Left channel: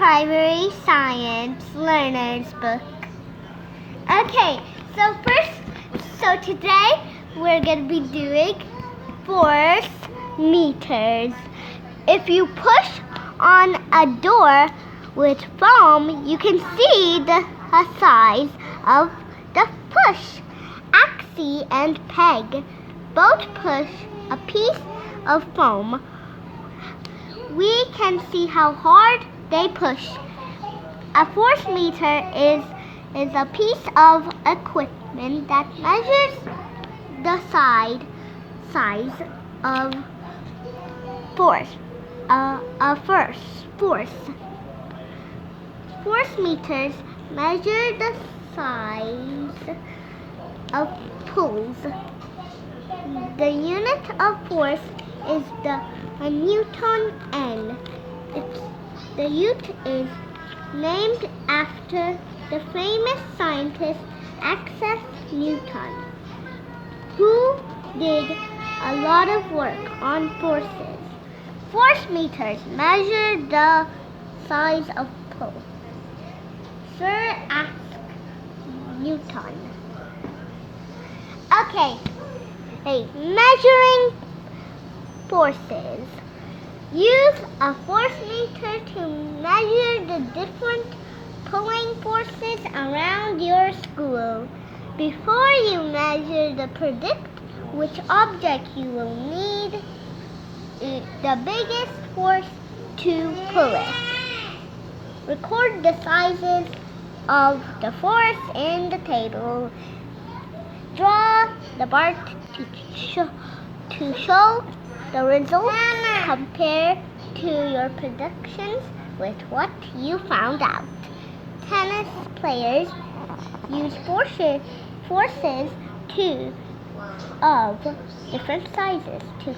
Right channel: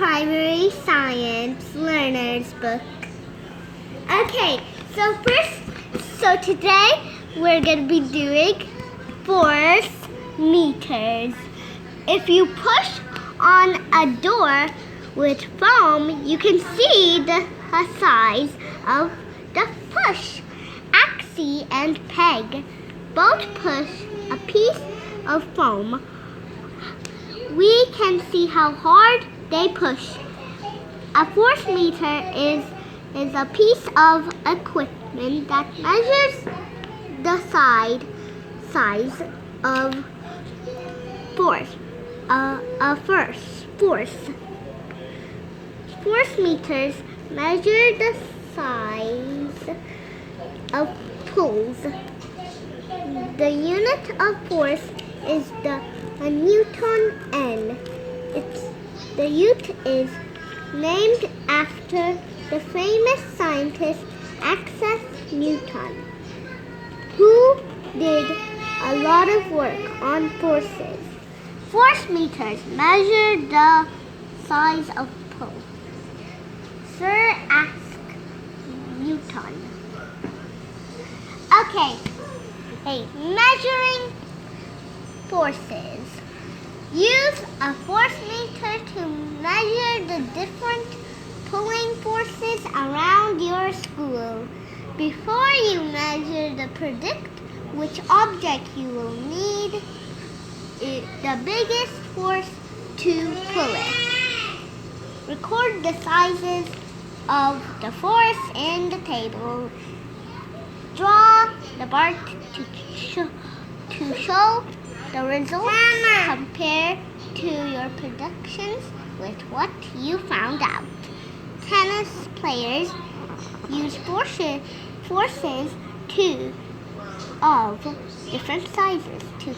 Primary Science Learner's Book. Okay, so today we're going to be doing force meters. If you push on a door with foam, you can see the size of the push. Axie and peg both push a piece of foam. We can see how hard they push. A force meter is a piece of equipment that measures the size of force. Force meters measure the size of pulls. The unit of force is a Newton. The unit is named after the famous scientist Isaac Newton, who did a lot of work on forces. Force meters measure the size of pull. Sir Isaac Newton. Okay, measuring forces. Use a force meter to measure the different pulling forces around your school. Before you measure, predict which object you will need the biggest force to pull it. Record the sizes of the force in the table. Draw the bar to show the results. Compare to your predictions with what you found out. Tennis players use forces of different sizes to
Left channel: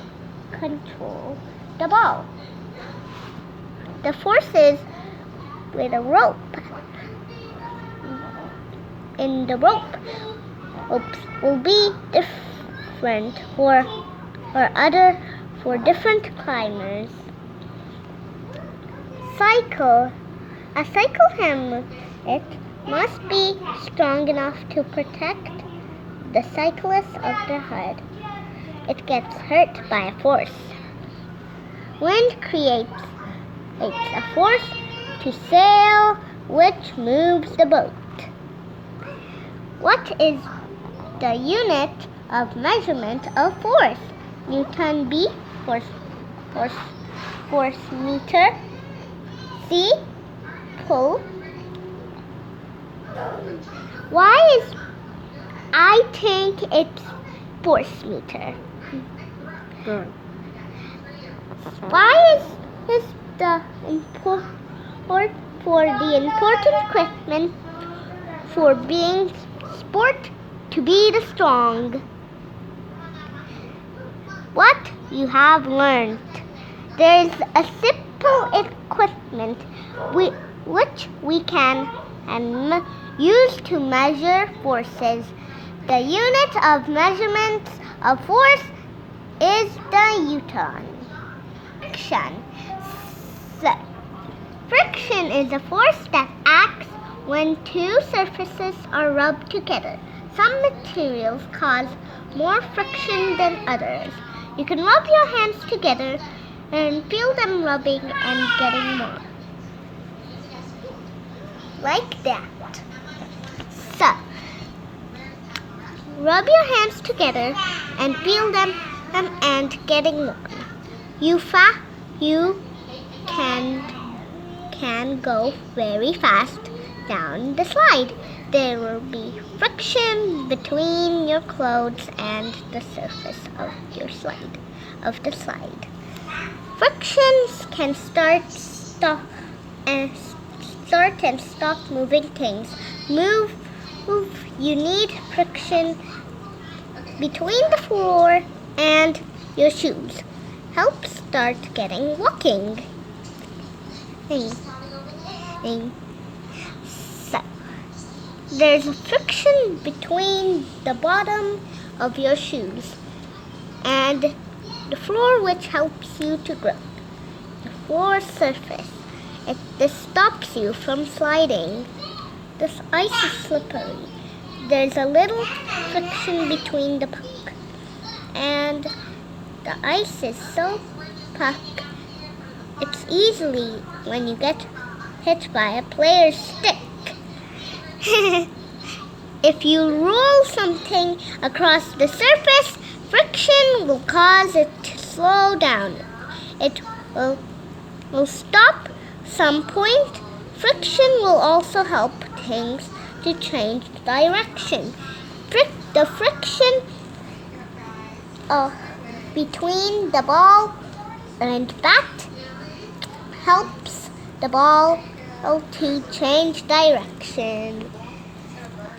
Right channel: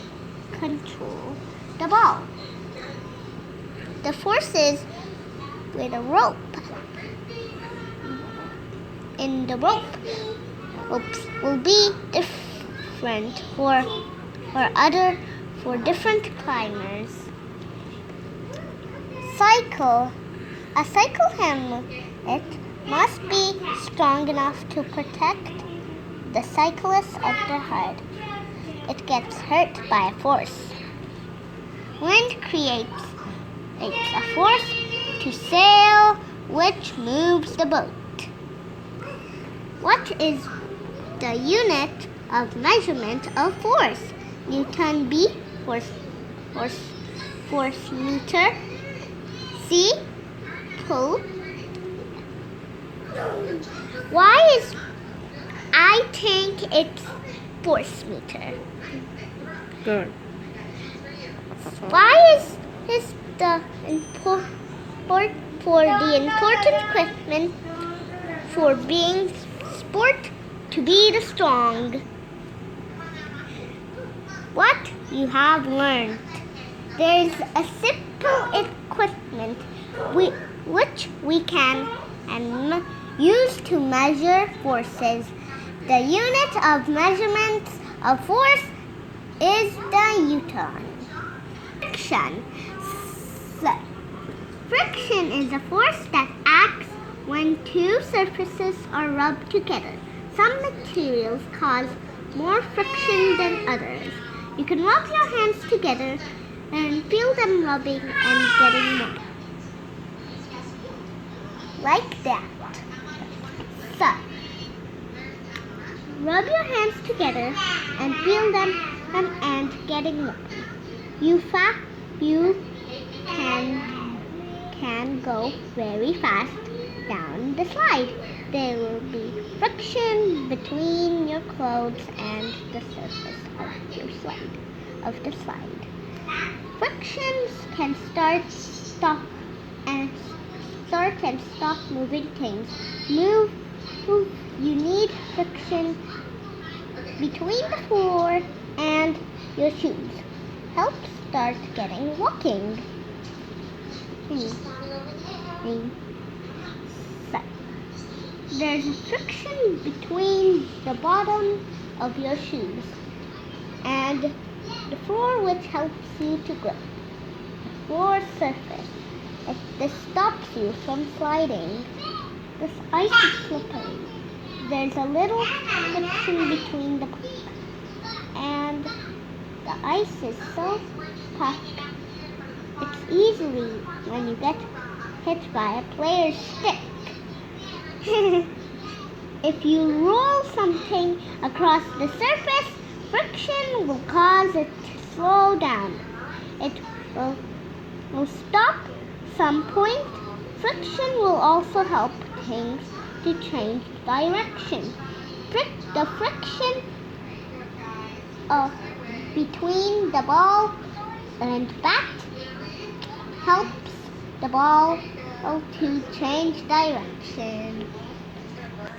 control the ball. The forces with a rope in the rope will be different for different climbers. A cycle helmet must be strong enough to protect the cyclist of the head. It gets hurt by a force. Wind creates a force to sail, which moves the boat. What is the unit of measurement of force? Newton. B. Force meter. C. Pull. I think it's force meter. Why is the important equipment for being sport to be the strong? What you have learned. There is a simple equipment which we can use to measure forces. The unit of measurement of force is the Newton. Friction. Friction is a force that acts when two surfaces are rubbed together. Some materials cause more friction than others. You can rub your hands together and feel them rubbing and getting more. Like that. So, rub your hands together and feel them and getting more. You can go very fast down the slide. There will be friction between your clothes and the surface of the slide. Frictions can start and stop moving things. You need friction between the floor and your shoes. Help start getting walking. So, there's a friction between the bottom of your shoes and the floor, which helps you to grow. The floor surface. This stops you from sliding. This ice is slippery. There's a little friction between the puck and the ice is so puck. It's easily when you get hit by a player's stick. If you roll something across the surface, friction will cause it to slow down. It will stop some point. Friction will also help things to change direction. The friction between the ball and bat helps the ball to change direction.